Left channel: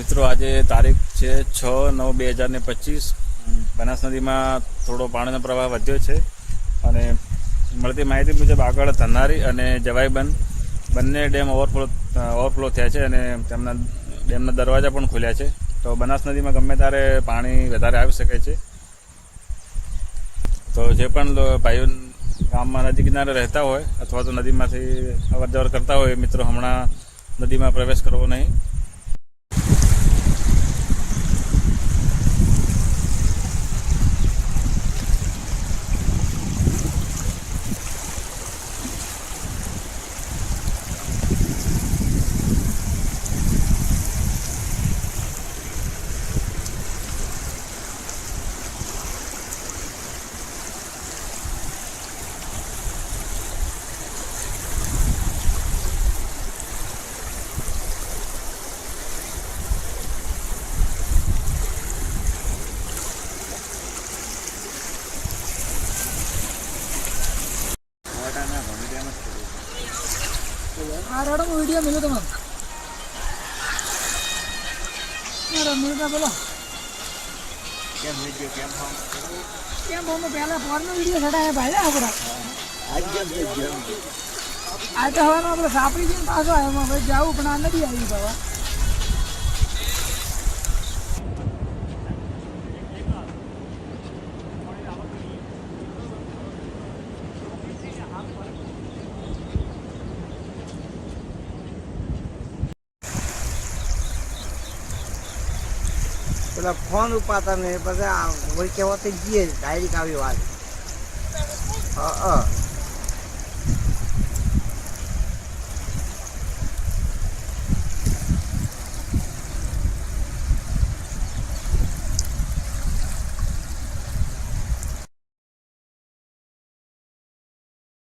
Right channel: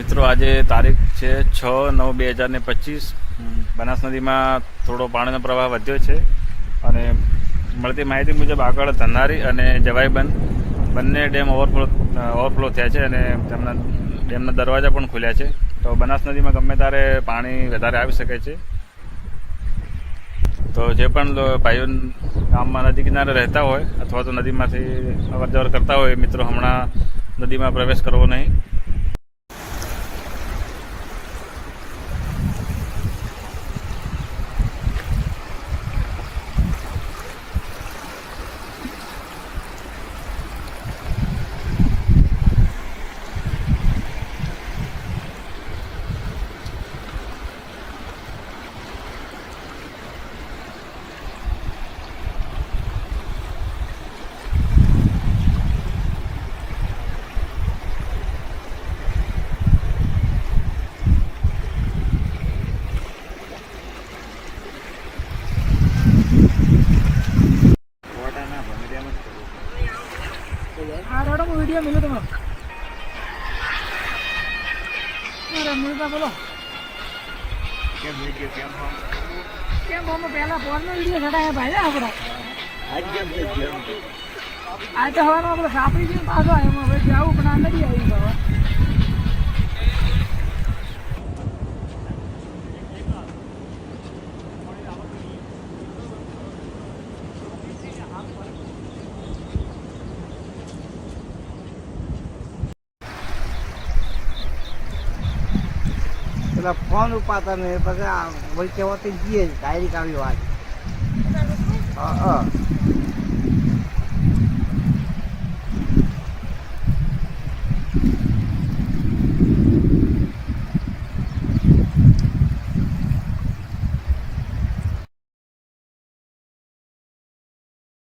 મિત્રો, આજે તારીખ છે છ નવ બે હજાર ને પચીસ બનાસ નદીમાં થોડો પાણીનો પ્રવાહ વધ્યો છે અને મળતી માહિતી મુજબ આગળ ધનારી અને જવાઈબંધ બંને ડેમ ઓવરફ્લો ઓવરફ્લો થયા છે અને તેમના ડેમના દરવાજા પણ ખુલ્યા છે. તો બનાસ નદીમાં ગમે ત્યારે પાણી વધારે આવી શકે છે. તો જે પણ ભાઈઓ ગામમાં નદી કિનારે રહેતા હોય અથવા તો નદીમાંથી અવર જવર કરતા હોય મિત્રો હમણાં નદીમાં પ્રવેશ કરવો નહીં. રોડમાં વીડિયો મળ્યો મેળવા બોલો કેમ બોમ્બે પહેલા ફોનમાં વીડિયો ચડાયા ભાઈ આપણો આ તો હવાનો આપણે સાપડી જઈને પાછો આવ્યો હવે જાવું પણ આ નથી આવી ગયો પેલા ફોન ઉપાતા ને પછી વળી કહેવાતી જઈએ ડાયરેક્ટ આવી વાત. હા હા.